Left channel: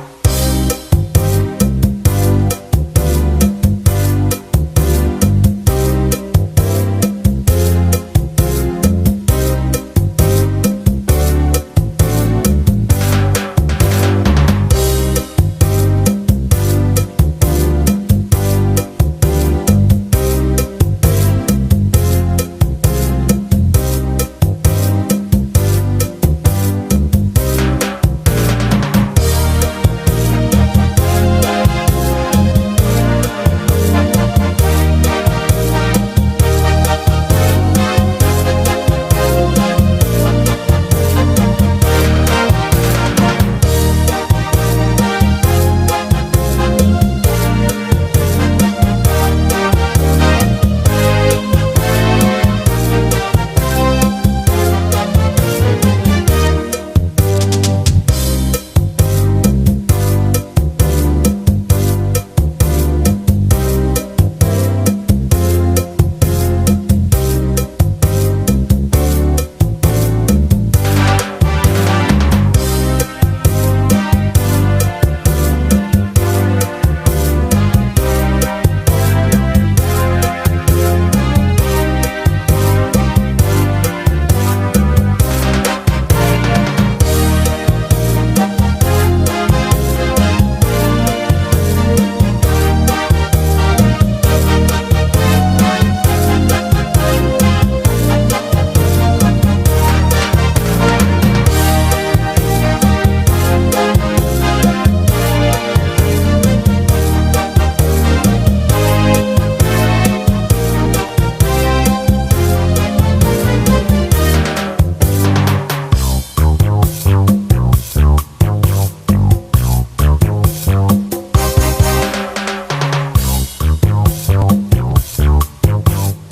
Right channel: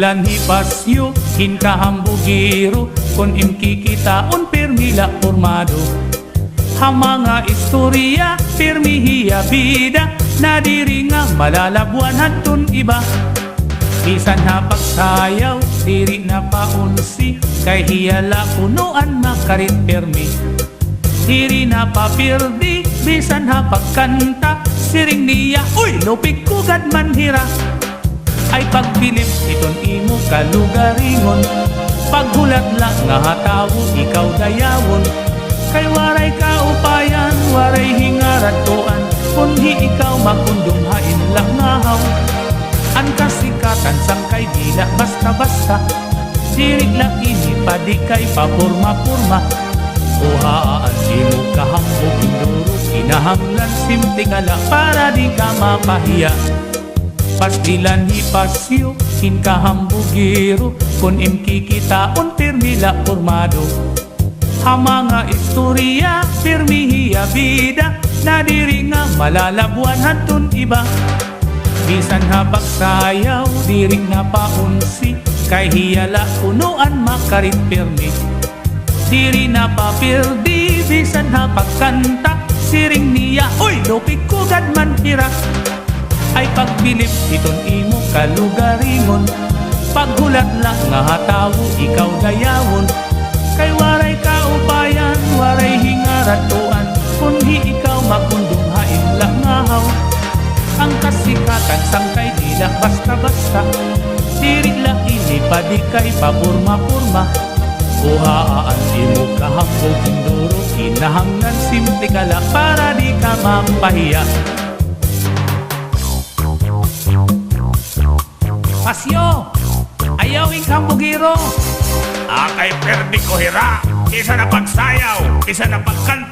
Pastilan ni pasyo, hinkahambugiro, kun imkikitaon pirmila formado. Hamanga istorya, pirmihiya bida, nadiri nga malalabuan hatun iba. Isan na pagsayaw, diri na paunsi, kay hiyala unuan makarit pirmi. Diri na papirdi, bisan ha pagkanta, siring niya, uy, lupik kugad man hira. Ay pagpilit itong imo kalugaringon, paghulat lang nga hataw, ikaw dayamon. Ay waray ka upayan, waray hingarat tuan, kunhi ikaw makundunghain lang ngahaw. Ang kasikakan sangkay tidak basta-basta, diri lang isip pa di kay papurma-purma. Buhaan silong kahapon, hinahanglan simtingala para di ka mapahiya. Pastilan ni pasyo, hinkahambugiro, kun imkikitaon pirmila formado. Hamanga istorya, pirmihiya bida, nadiri nga malalabuan hatun iba. Bisan ha pagsayaw, diri nga paunsi, kay hiyala unuan makarit pirmi. Diri na papirdi, bisan ha pagkanta, siring niya, uy, lupik kugad man hira. Ay pagpilit itong imo kalugarimon, paghulat lang nga hataw, ikaw dayamon. Kay waray ka upayan, waray hingaran tuan, kunhi ikaw makundunghain lang ngahaw. Ang kasikatan sangkay tidak basta-basta, diri lang isip pa di kay papurma-purma. Buhaan imo kahapon, hinahanglan simtingala para di ka mapahiya. Pasyo, ayaw hingkahambugiro. Akay perdi ko hira, isa na pagsayaw, isa na pagkanta.